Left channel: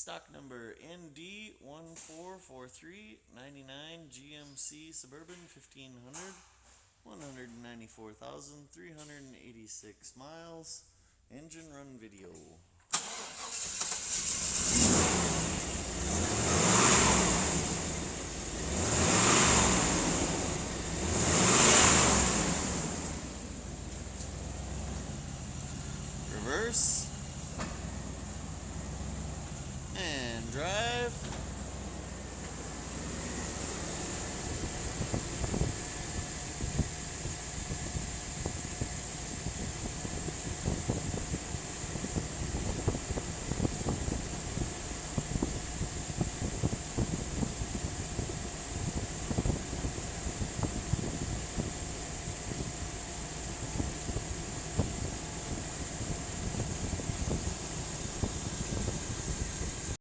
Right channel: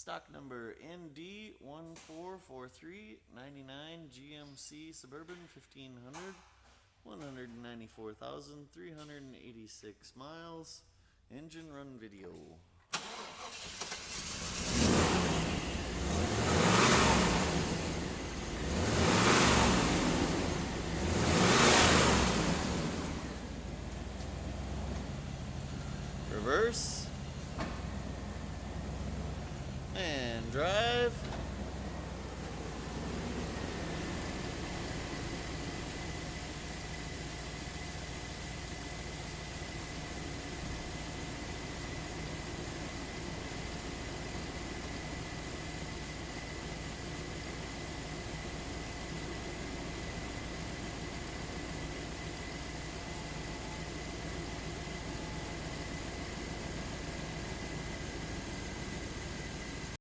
Stock number ND1443 99 GMC Suburban 1500, 194,386 miles. Engine run video. Reverse and drive.